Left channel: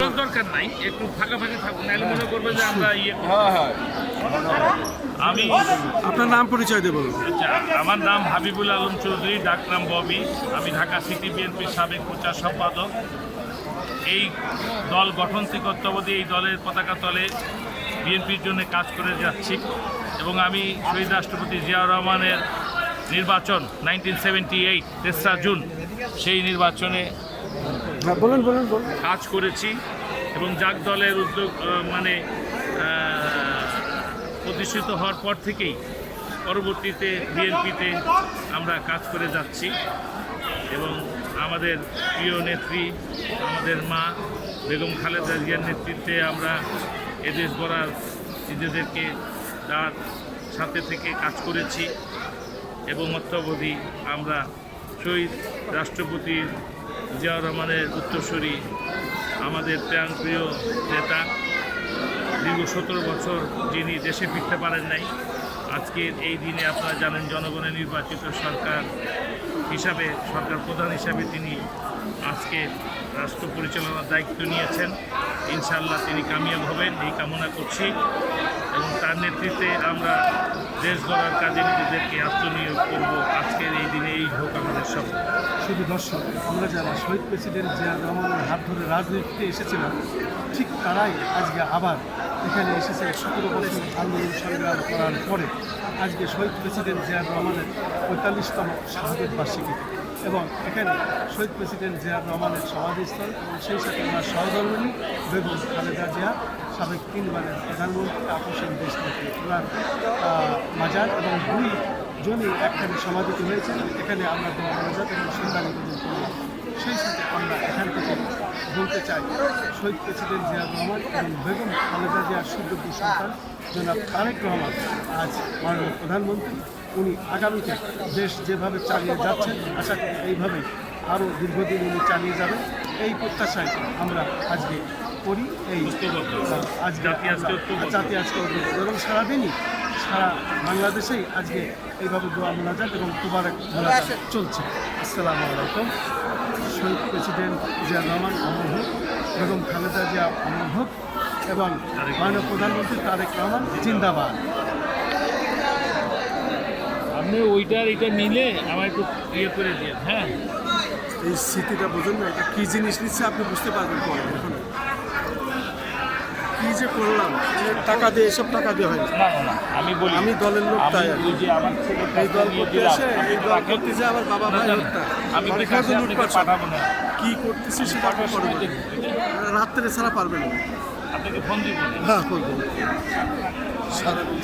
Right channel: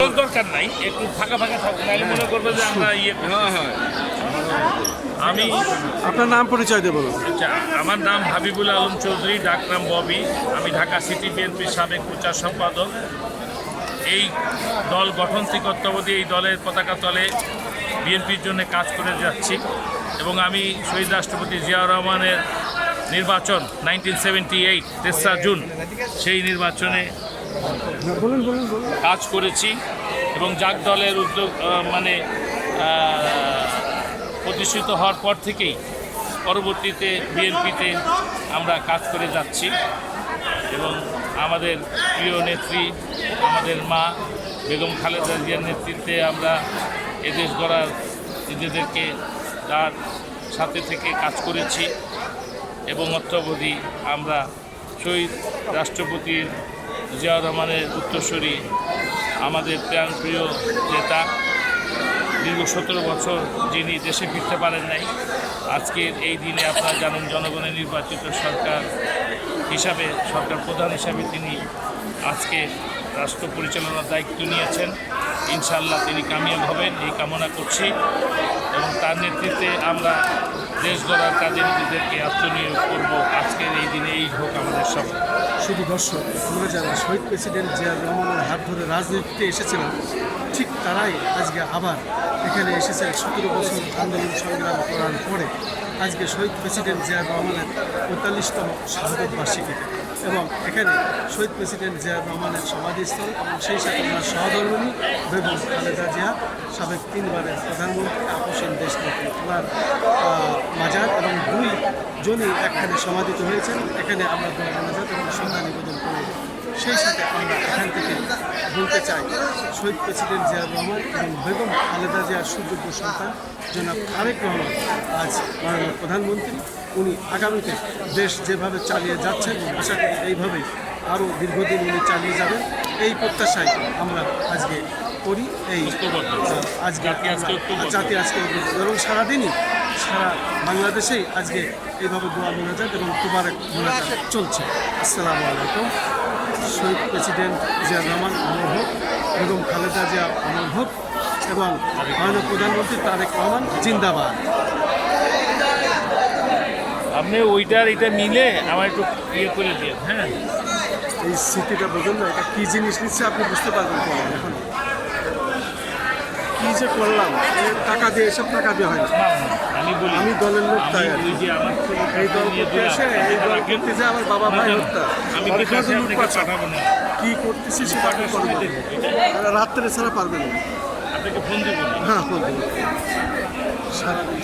দরকার নাই, একটু ফাঁকা ফাঁকা থাকুন, নাহলে মনে করবে যে আমরা আমি আপনার নাম পরিচয় দিয়ে বলুন। আচ্ছা, আমার নাম হাবিবুল আলম চৌধুরী, ডাকনাম ববি। আমি ঢাকা সিটি বিএনপির সাবেক প্রচার সম্পাদক। এই দল গঠন থেকে অদ্যাবধি এই দলের পতাকা তলে বিএনপির জন্য কাজ করে যাচ্ছি এবং আমি শহীদ রাষ্ট্রপতি জিয়াউর রহমানের নির্বাচন 1978 তেসরা জুন সেই নির্বাচনে কাজ করেছি এবং জাগ দলের উদ্যোগ প্রতিষ্ঠিত হওয়ার পর থেকেই পরবর্তীতে বিএনপিতে আমরা কাজ করে যাচ্ছি এবং আমাদের প্রিয় নেত্রী, আমাদের মা বেগম খালেদা জিয়ার নেতৃত্বে আমরা এদেশ গড়ার নিজেদেরকে তার সাথে থেকে কাজ করেছি এবং অত্যবধি আমরা শহীদ রাষ্ট্রপতি জিয়াউর রহমানের উত্তরসূরি, আমাদের প্রাণপ্রিয় নেতা, দীর্ঘ 17 বছর যিনি দেশে ফিরতে পারেন নাই, আজকের এই দিনে আপনারা জানেন জনগণের নির্বাচিত সরকার হিসাবে, সরকার প্রধান হিসাবে তিনি আজকে রাষ্ট্র পরিচালনার দায়িত্ব নিয়েছেন। ইনশাআল্লাহ তিনি কামিয়াব হবেন এই কামনা করছি এবং তার নেতৃত্বে আমরা দেশ গড়ার কাজে নিজেদেরকে আত্মনিয়োগ করব। আজকের এই দিনে এই হোক আমাদের সব। শুধু দর্শক, আমরা যারা শহীদ প্রেসিডেন্ট জিয়াউর রহমানের হাত ধরে রাজনীতিতে এসেছিলাম, ঠিক তারাই আজকে আবার এখানে এসেছেন 17 বছর আন্দোলন সংগ্রাম করার পরে আজকে শহীদ প্রেসিডেন্ট জিয়াউর রহমানের 45তম শাহাদত বার্ষিকীতে। এবং এখানে শহীদ প্রেসিডেন্ট জিয়াউর রহমানের সমাধিস্থল এবং সেই সাথে ওনার সহধর্মিণী বেগম খালেদা জিয়া, সাবেক 3 বারের প্রধানমন্ত্রী, আপসীন দেশনেত্রী, ওনার মাজার এবং 2 জনই একখানে সমাধিত হয়েছেন। এখানে আমরা দোয়া মোনাজাত এবং শ্রদ্ধা নিবেদন করব। সেই সাথে আমরা এখান থেকে বলতে চাই, শহীদ প্রেসিডেন্ট জিয়াউর রহমান এবং বেগম খালেদা জিয়ার সুযোগ্য সন্তান জনাব তারেক রহমান আজ মাননীয় প্রধানমন্ত্রী। উনি আগামীতে দেশ যেভাবে চালিয়ে যাচ্ছেন, আশা করি এইভাবেই আরও দীর্ঘদিন উনি চালিয়ে যাবেন, এই প্রত্যাশায় আমরা আজকে করি। এই আজকে জাতি আজকে এবং সারাদিনই সারা বাংলাদেশেই আজকে এইভাবে দোয়া মোনাজাত এবং তোবারক মোনাজাত চলছে। আসসালামু আলাইকুম। শহীদ প্রেসিডেন্ট জিয়াউর রহমান অমর হোক, বেগম খালেদা জিয়া অমর হোক এবং মাননীয় প্রধানমন্ত্রী তারেক রহমান জিন্দাবাদ। আপনি ওইটার এটা মিলে আমার একটু করে দিন। হ্যাঁ, এই স্মৃতিটা বোঝেন না, এটা কী জিনিস নিচ্ছে আপনি বুঝতে পারবেন পরে। এখন কী যে করলাম, টাকা দিয়ে, এসব টাকা দিয়ে হয় না। আমি দলের লোক, তাই আর এই দল করতে আসে, এই দল করতে যে আমার বাবা ভাই হত্যা, লুটপাট কী করতেছি সেটা আপনি করে বলেন। রাত্রে ছাড়া পারবেন না। আপনাকে ফোন দিব। হ্যাঁ, ফোন দেবো।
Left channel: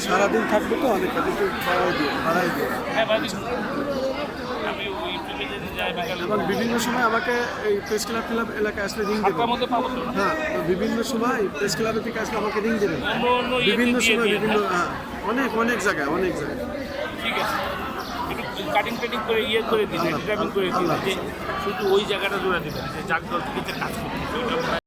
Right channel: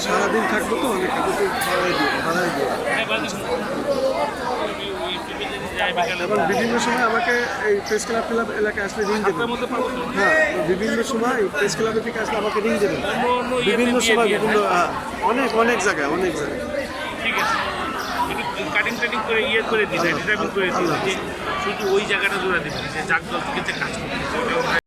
সারাদিন থাকবো তো, অনেক কিন্তু ভাড়াই দিয়ে এবং বিভিন্ন সময় আমাকে এই প্রেস ক্লাব এলাকায় আসলে রিং দেবেন। হ্যাঁ, বিভিন্ন সময় প্রেস ক্লাবের থেকে আসলে আমাকে রিং দেবেন। বিভিন্ন সময় বিভিন্ন অনেক জায়গায় ঠিক আছে, কাটিং করে করে দিবেন, শুধু ওই জায়গাটা ধরে দিবেন যে জাগ দল থেকে কাজ করতে।